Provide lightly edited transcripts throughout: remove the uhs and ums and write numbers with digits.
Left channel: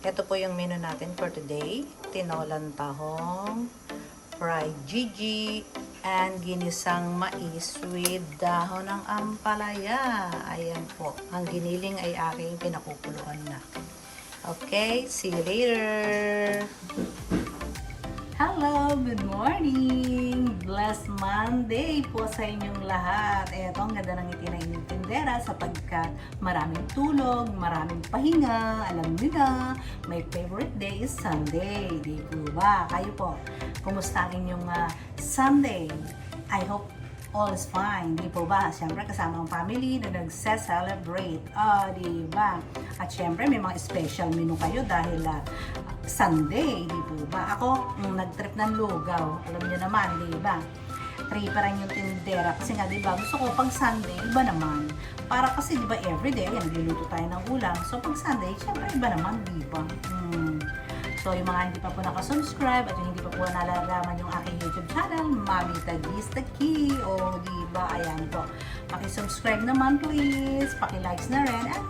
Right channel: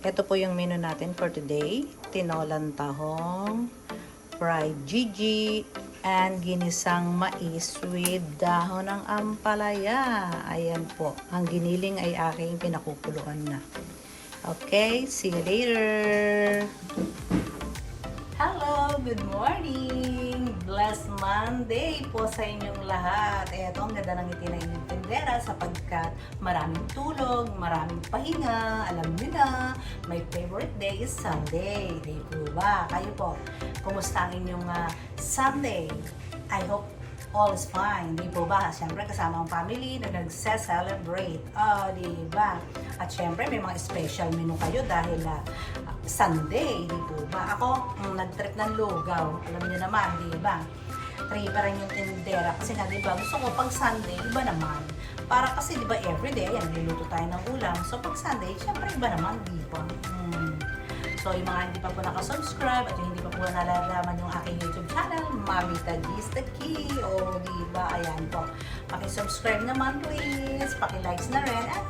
ito po yung menu natin for today. Tinolang tahong, fried gigi, and ginisang mais with dahon ng ampalaya. Ayan po. Ang giniling ay aking pinakukuluan na. Okay, see you later! Hello, good morning! Blessed Monday po sa inyong lahat. Eto, ang ganda ng ngiti na inyong tindera sapagkat maraming tulog, maraming pahinga. Alam nyo na, my favorite day is Sunday. Di po ba? Kayo po, kumusta ang inyong Sunday? I hope all is fine. Di po ba? Siyempre, kasama ang family na nagse-celebrate. Di ba? At siyempre, may mga special menu kayo dahil Sunday, di po ba? Ako, nag-trip ng lugaw. Alam niyo naman, di ba? Try pa rin yung tinidera. Kasi nga, di ba? Gusto ko pag Sunday, iba naman. Para kasi, di ba, everyday, ayan, niluluto tayo ng ulam. So, pag Sunday, syempre, iba naman, di ba? So, yung mga hindi pa po nakasubscribe at yung hindi pa po nalalaman yung aking YouTube channel, Mamita G's The Key. O, di ba? Ayan po. Paki-subscribe naman, please. Paki-likes na rin. At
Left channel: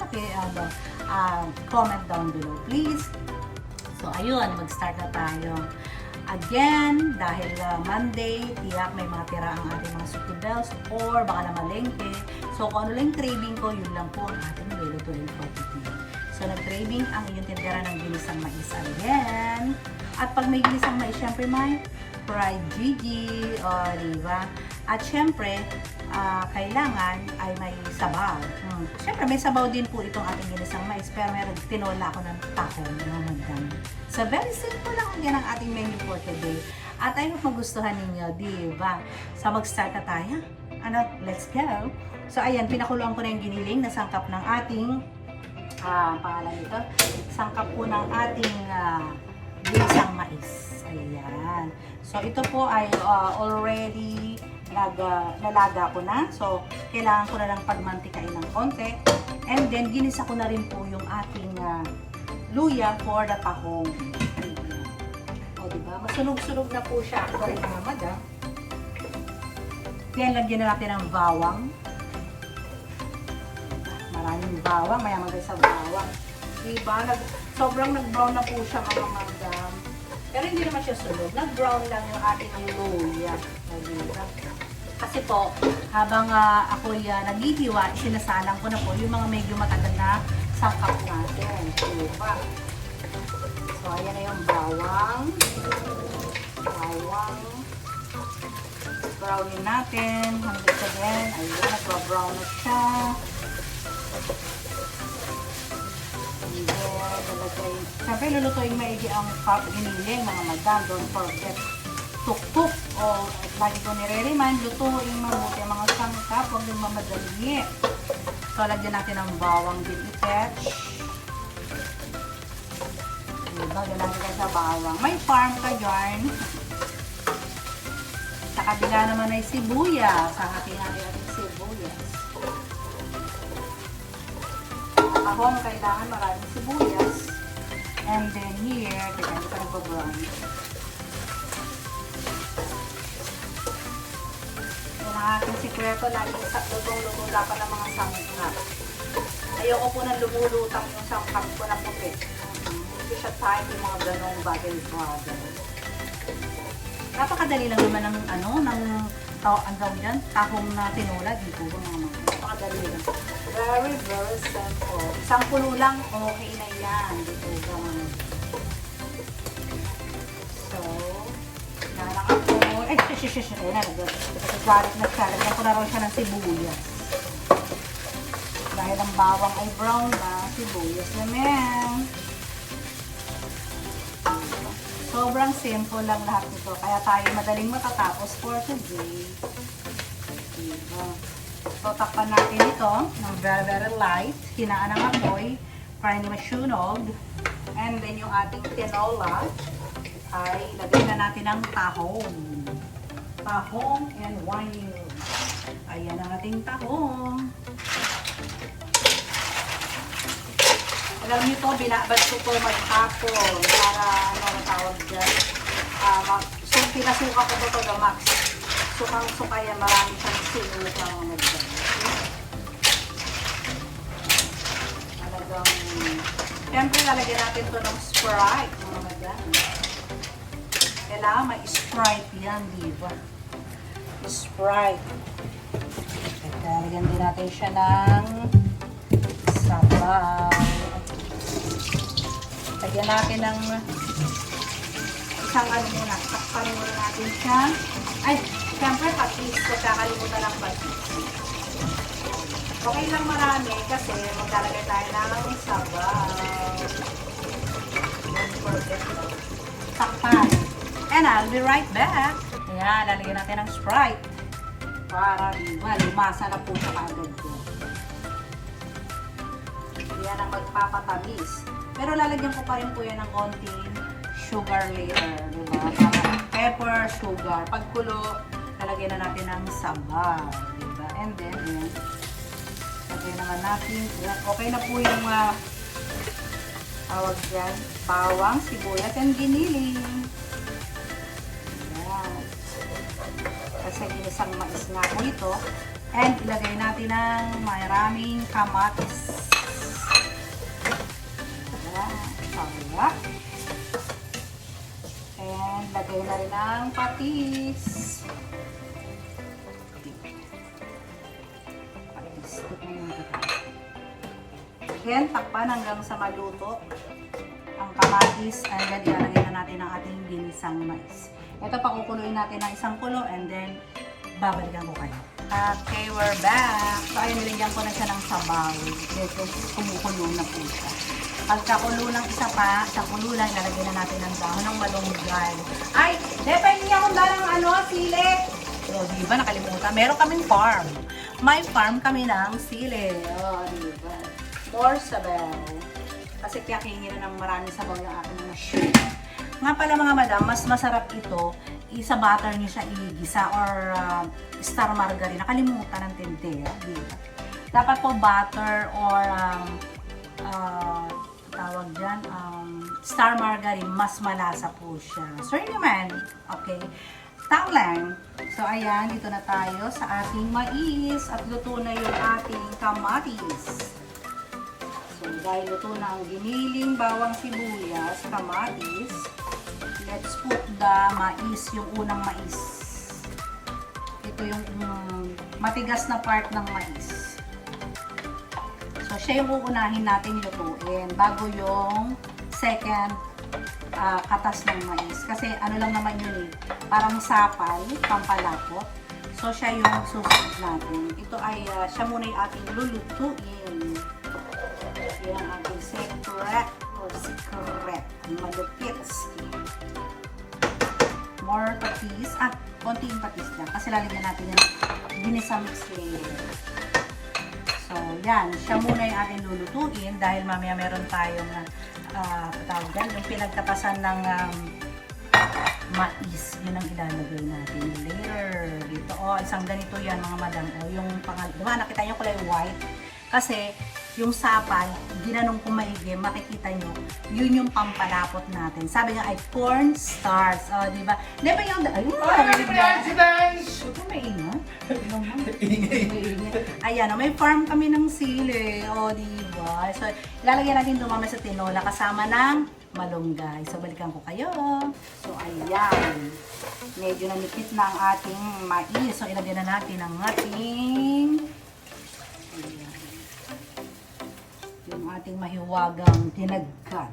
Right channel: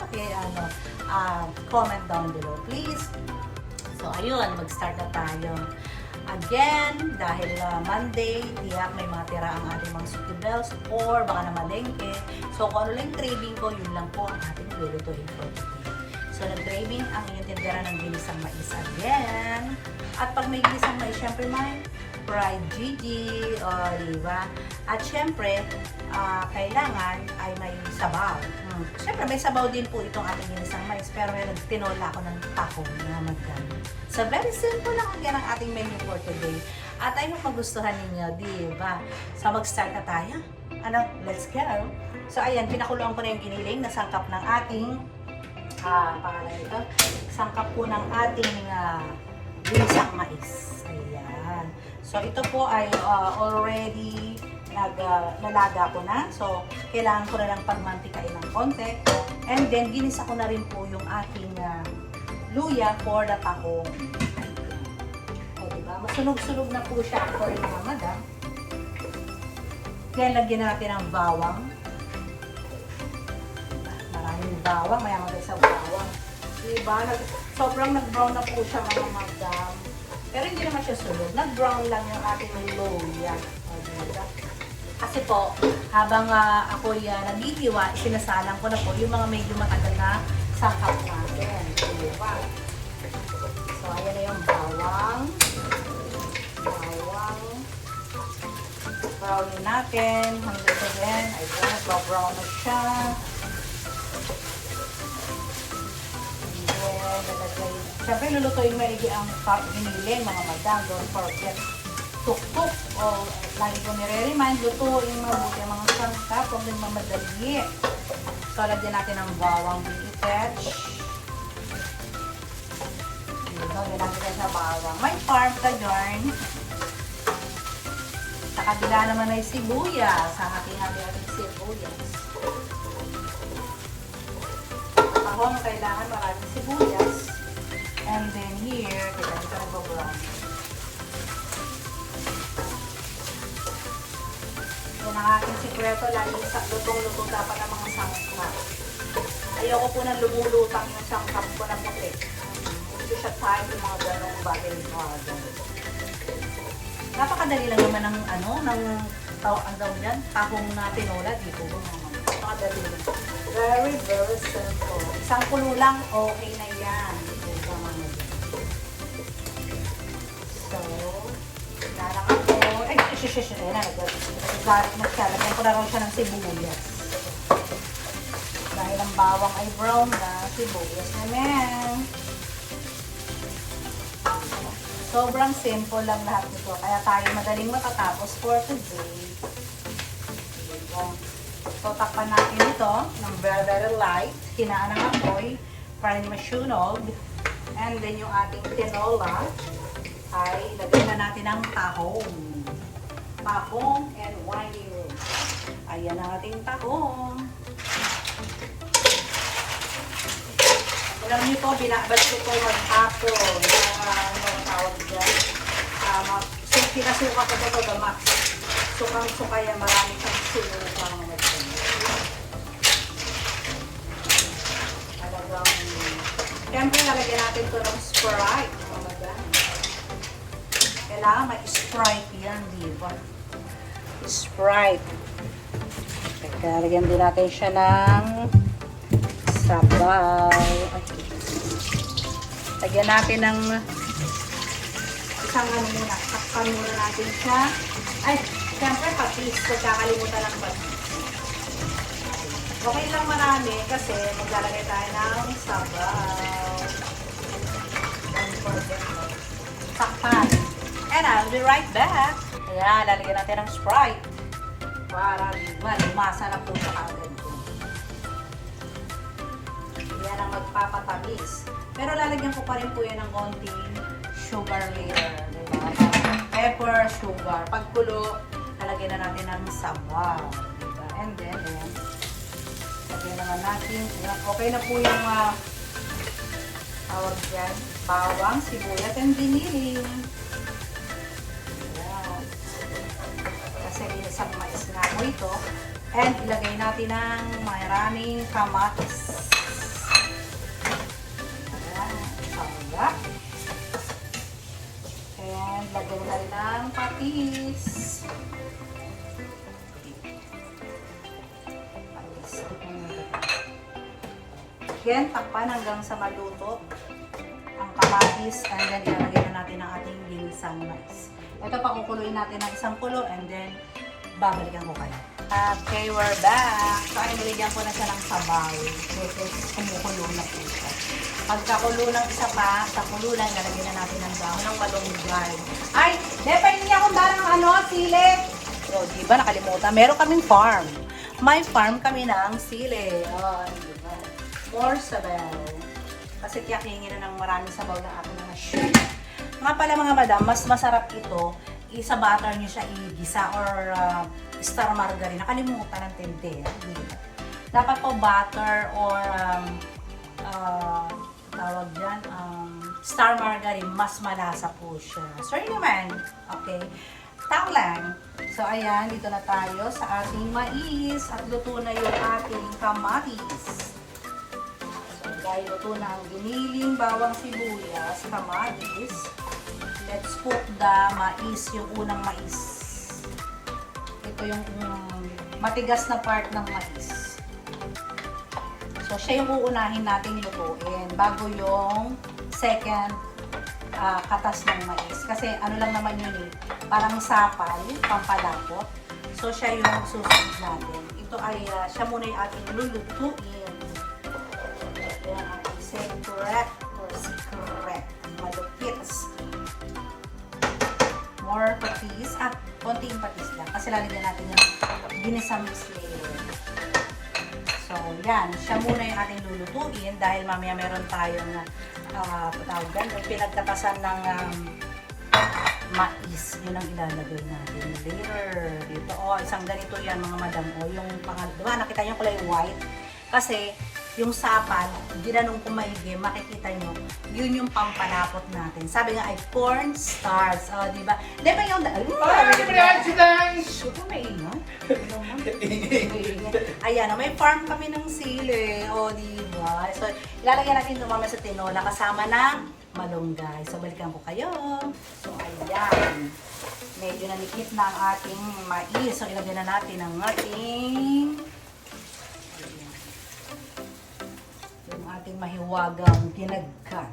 comment down below, please. So, ayun, mag-start na tayo. Again, dahil Monday, tiyak may mga tira ang ating mga suki bells or baka na malengke. So, kung ano lang yung craving ko, yun lang po ang ating nilulutuin for today. So, nag-craving ang inyong tindera ng ginisang mais again. At pag may ginisang mais, syempre may fried gigi, o diba? At syempre, kailangan ay may sabaw. Siyempre, may sabaw din po itong ating ginisang mais, pero meron tinola ako ng taco na magdami. So, very simple lang yan ang ating menu for today. At ay magustuhan ninyo, di ba? So, mag-start na tayo. Let's go! So, ayan, pinakuluan ko na yung giniling na sangkap ng ating sangkap po ng ating ginisang mais. Ayan. So, ito po ay already nalaga ko na. So, kailangan ko na lang pagmantikain ng konti. And then, ginisa ko na rin po yung ating luya for the tahong. O, diba? Masunog-sunog na po siya. Sorry mga madam. Then, lagyan na natin ng bawang. Maraming bawang. Mayaman tayo sa bawang. Diba? Sobrang nag-brown na po siya mga madam. Pero hindi naman siya sunog. Nag-brown lang yung ating luya. O, diba? Kasi po, habang ako'y naghihiwa, sinasalang ko na po yung mga medyo matagal na sangkap natin. Diba? So, ayan na yung bawang. Brownin natin. Hanggang sa din. Ayan, nagpa-brown na siya. And then, lalagay. Siyempre, lulutuin maigi ang top giniling, mga madam. Don't forget to cook o lagi ko nire-remind, lutuin mabuti ang mga sangkap, huwag din mamadali. So, lagyan natin ang bawang bititech. Lagyan natin sa bawang. May farm ka dyan. Sa kabila naman ay sibuyas. Ang ating sibuyas. Ahong kailangan maraming sibuyas. And then here, tignan ito nagpa-brown. Ang aking sikreto, lagi sa lutong-luto dapat ng mga sangkap. Ayoko po nang lumulutang yung sangkap ko na puti. Hindi siya time yung mga ganong bagay-bagay. Napakadali lang naman ng ang gawin yan, tahong na tinola, di po ba naman. Napakadali lang. Very, very simple. Isang kulo lang, okay na yan. Di po ba naman. So, nalang ako. Ayan na, nag-garlic na siya. Lagyan ko na rin siya ng sibuyas. Dahil ang bawang ay brown na, sibuyas naman. Sobrang simple lang lahat nito. Kaya tayo madaling matatapos for today. Diba? So, takpan natin ito ng very light. Hinaan ng apoy. Para masunog. And then yung ating tinola ay ilagay na natin ang tahong. Tahong and wine. Ayan ang ating tahong. Alam nyo to, binabad ko ito maghapon para ang tawag dyan. Pinasuka ko ito to max. Sukang-suka yan, marami siyang sulo sa mga dyan. Siyempre, lalagyan natin ito ng Sprite. Kailangan may Sprite yan, di ba? Sprite. Lalagyan din natin siya ng sabaw. Lagyan natin ng isang ano muna. Takpan muna natin siya. Ay, siyempre patis. Pagkakalimutan ng patis. Okay lang marami kasi maglalagay tayo ng sabaw. Don't forget to takpan. And I'll be right back. Ayan, lalagyan natin ng Sprite. Para diba, masa na po siya agad ko. Yan ang magpapatamis. Pero lalagyan ko pa rin po yan ng konting sugar layer. Diba? Para pepper, sugar. Pagkulo, lalagyan na natin ng sabaw. Diba? And then, ayan. Lagyan naman natin. Ayan. Okay na po yung tawag dyan. Bawang, sibuyas, and giniling. Ayan. Kasi isang mais nga po ito. And ilagay natin ng maraming kamatis. Sarap. And lagay na rin ng patis. Again, takpan hanggang sa maluto ang kamatis. And then, ilagay na natin ang ating ginisang mais. Ito, pakukuluin natin ng isang kulo and then, babalikan ko kayo. Okay, we're back. So, nilagyan ko na siya ng sabaw. Kasi, kumukulo na po siya. Pagkakulo ng isa pa, sa kululan, nalagyan na natin ng dahon ng malunggay. Ay, dapat niya akong dalang sili. So, diba, nakalimutan. Meron kaming farm. May farm kami ng sili. Oh, diba? More sabaw. Kasi kiyakingin na ng marami sabaw na aking mga shit. Nga pala mga madam, mas masarap ito. Isa butter niyo siya igisa or star margarine. Nakalimutan ng tindera. Diba? Dapat po butter or tawag dyan, star margarine, mas malasa po siya. Sorry naman. Okay. Tao lang. So, ayan, dito na tayo sa ating mais at luto na yung ating kamatis. So, dahil luto na ang giniling, bawang sibuyas, kamatis, let's put the mais, yung unang mais. Ito yung matigas na part ng mais. So, siya yung uunahin natin lutuin bago yung second katas ng mais. Kasi ano lang naman yun eh, parang sapal, pampalapot. So, siya yung susunod natin. Ito ay, siya muna yung ating lulutuin. Yan ang ating secret or secret. Malupit. More patis. At konting patis lang. Kasi lalagyan natin yung ginisa mix later. So, yan. Siya muna yung ating lulutuin dahil mamaya meron tayong yung pinagkatasan ng mais. Yun ang ilalagay natin later. Dito, isang ganito yan mga madam. Yung diba, nakita nyo ko lang yung white. Kasi, yung sapal, ginanong ko maigi, makikita nyo, yun yung pampalapot natin. Sabi nga ay corn starch. Diba? Diba yung... Shoot, maingat. Ayan, may farm kami ng sili. Diba? So, ilalagyan natin dumama sa tinola kasama ng malunggay. So, balikan ko kayo. So, ayan. Medyo nanikit na ang ating mais. So, ilagyan na natin ang ating yung ating mahiwagang tinagkan.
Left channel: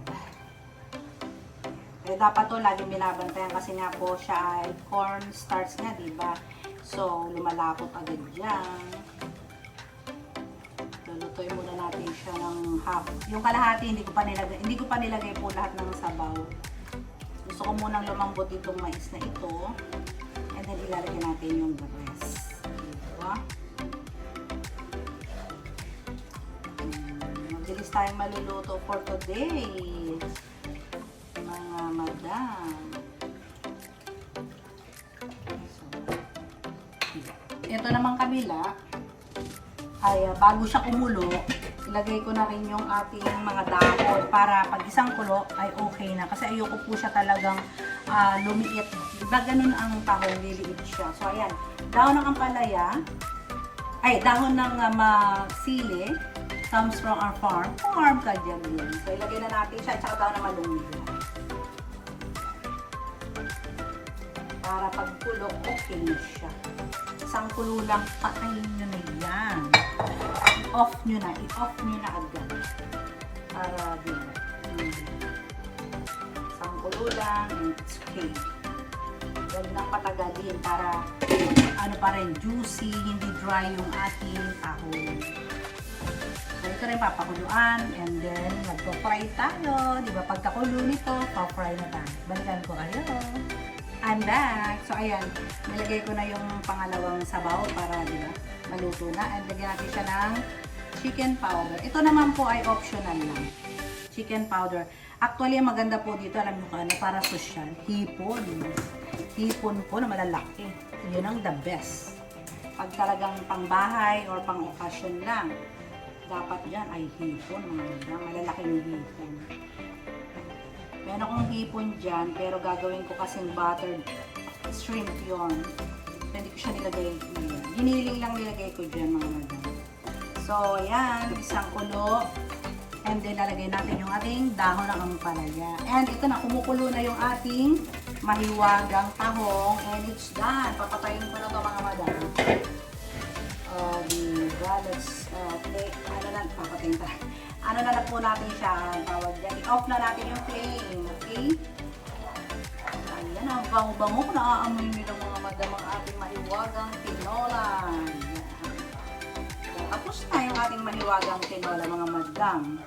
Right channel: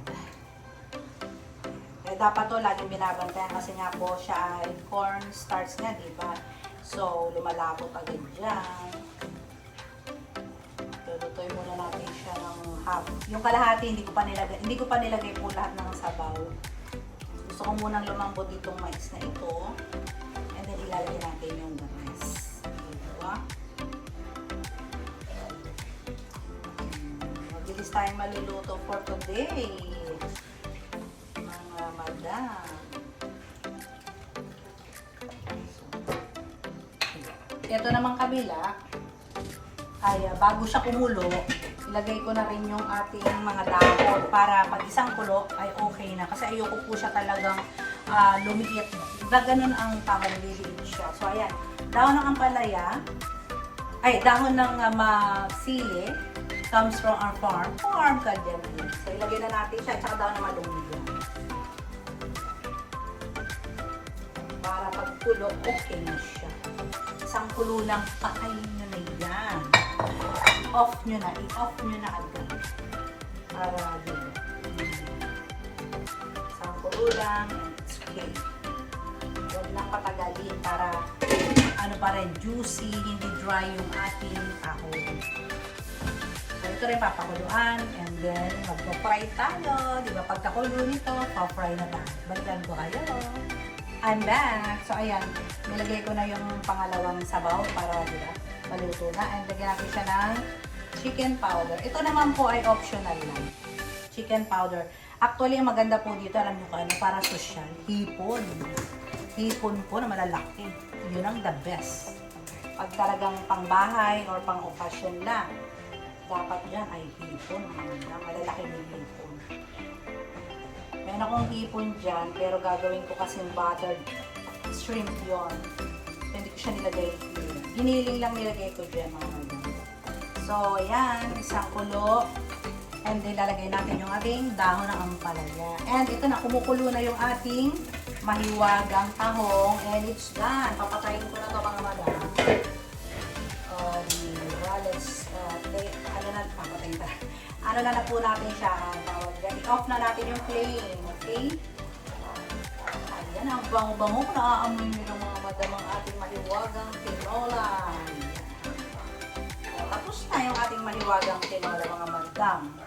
Dapat to laging binabantayan kasi nga po siya ay corn starch nga, diba? So, lumalapot agad dyan. Lulutuin muna natin siya ng half. Yung kalahati, hindi ko pa nilagay po lahat ng sabaw. Gusto ko munang lumambot itong mais na ito. And then, ilalagay natin yung rest. Diba? Mabilis tayong maluluto for today. Mga madam. Ito naman kabila ay bago siya kumulo, ilagay ko na rin yung ating mga dahon para pag isang kulo ay okay na. Kasi ayoko po siya talagang lumiit. Ganun ang tawag, liliit siya. So ayan, dahon ng ampalaya, ay dahon ng sili, comes from our farm. Farm ka dyan yan. So, ilagay na natin siya, tsaka daw na malunggay. Para pag kulok, okay na siya. Isang kulo lang, patayin nyo na yan. I-off nyo na agad. Para din. Isang kulo lang, and it's okay. Huwag lang patagalin para ano pa rin, juicy, hindi dry yung ating tahong. So, ito rin papakuluan, and then magpo-fry tayo. Di ba? Pagkakulo nito, pa-fry na tayo. Balikan ko kayo. I'm back. So, ayan. Nilagay ko na yung pangalawang sabaw para, di ba, maluto na. And lagyan natin siya ng chicken powder. Ito naman po ay optional lang. Chicken powder. Actually, ang maganda po dito, alam nyo ka, ano, para social. Hipon. Hipon po na malalaki. Yun ang the best. Pag talagang pangbahay or pang-occasion lang, dapat yan ay hipon. Malalaking hipon. Meron akong hipon dyan, pero gagawin ko kasing buttered shrimp yon. Hindi ko siya nilagay dyan. Giniling lang nilagay ko dyan, mga madam. So, ayan, isang kulo. And then, lalagay natin yung ating dahon ng ampalaya. And ito na, kumukulo na yung ating mahiwagang tahong. And it's done. Papatayin ko na ito, mga madam. Diba? Let's, papatayin pa. Ano na po natin siya, tawag dyan. I-off na natin yung flame, okay? Ayan, ang bango-bango na aamoy nila mga madam ang ating mahiwagang tinola. So, tapos na yung ating mahiwagang tinola, mga madam.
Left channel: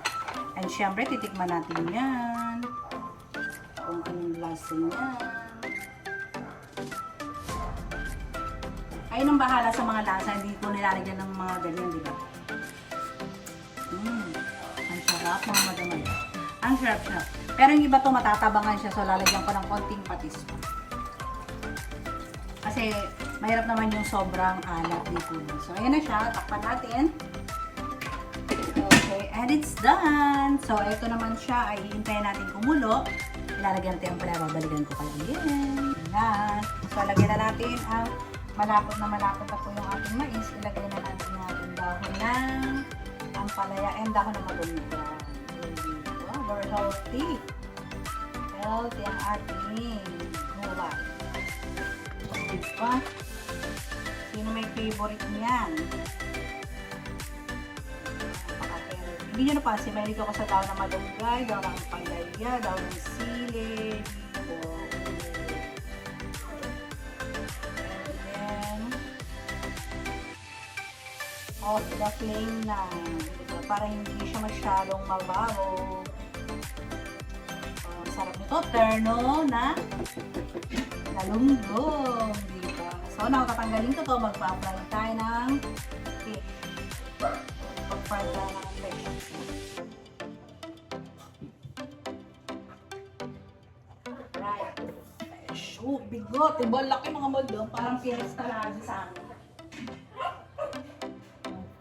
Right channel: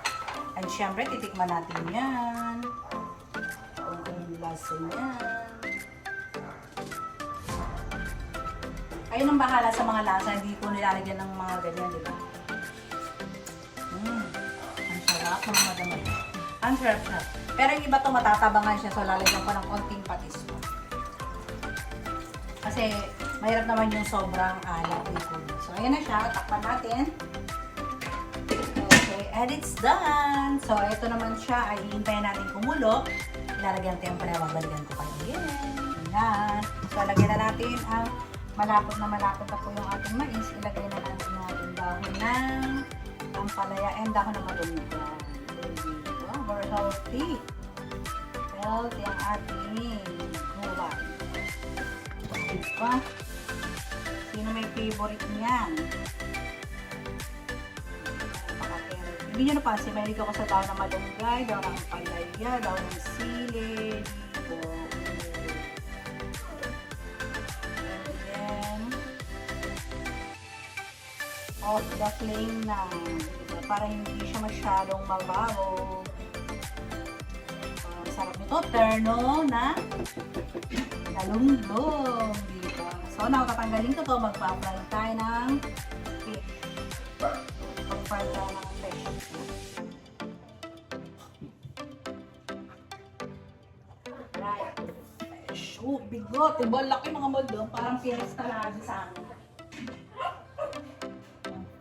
And syempre, titikman natin yan. Kung anong lasa niya. Kayo nang bahala sa mga lasa, hindi ko nilalagyan ng mga ganyan, di ba? Mga madam. Ang sarap. Pero yung iba to matatabangan siya, so lalagyan ko ng konting patis. Kasi mahirap naman yung sobrang alat nito. So ayan na siya, takpan natin. Okay, and it's done. So ito naman siya, ay hihintayin natin kumulo. Ilalagyan natin yung babalikan ko kayo. Ayan. So lagyan na natin ang malapot na po yung ating mais. Ilagay na natin yung ating dahon ng ampalaya and dahon ng malunggay. Wow, very healthy. Healthy ang ating gulay. Diba? Sino may favorite niyan? Hindi nyo napansin, mahilig ako sa dahon ng malunggay, dahon ng ampalaya, dahon ng sili, dito. And then, off the flame na. Para hindi siya masyadong mabaho. Sarap nito. Terno na galunggong. Diba? So, now, tatanggalin ko to. Magpa-apply tayo ng fish. Mag-apply tayo ng fish. Right. Fish. Oh, bigot. Diba? Laki mga madam. Parang fiesta lagi sa amin.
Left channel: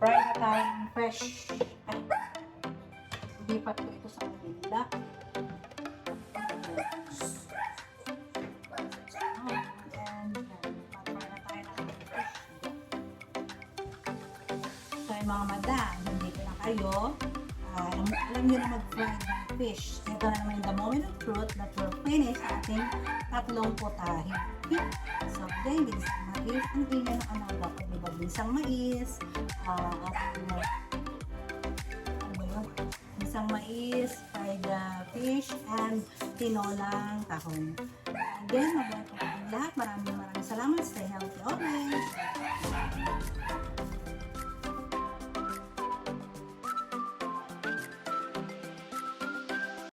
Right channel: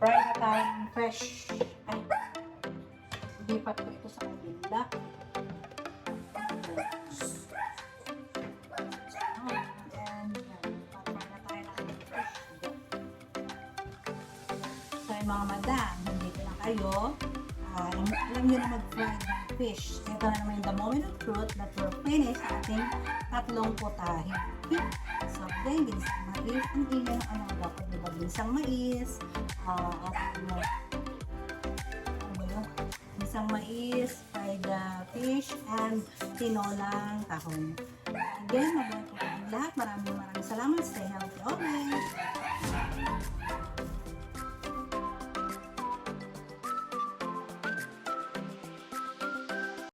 Fry na tayo ng fresh. Ay, lipat ko ito sa kabila. And yan, pa-fry na tayo ng fresh. So yung mga madam, hindi ko na kayo, alam nyo na mag-fry ng fish. Ito na naman yung the moment of truth that we're finished sa ating tatlong putahe. So, then, ginsang mais. Ang ingay ng ano dapat, diba? Ginsang mais, ano ba yun? Ginsang mais, fried fish, and tinolang tahong. Again, mabuhay po ang lahat. Maraming salamat. Stay healthy always.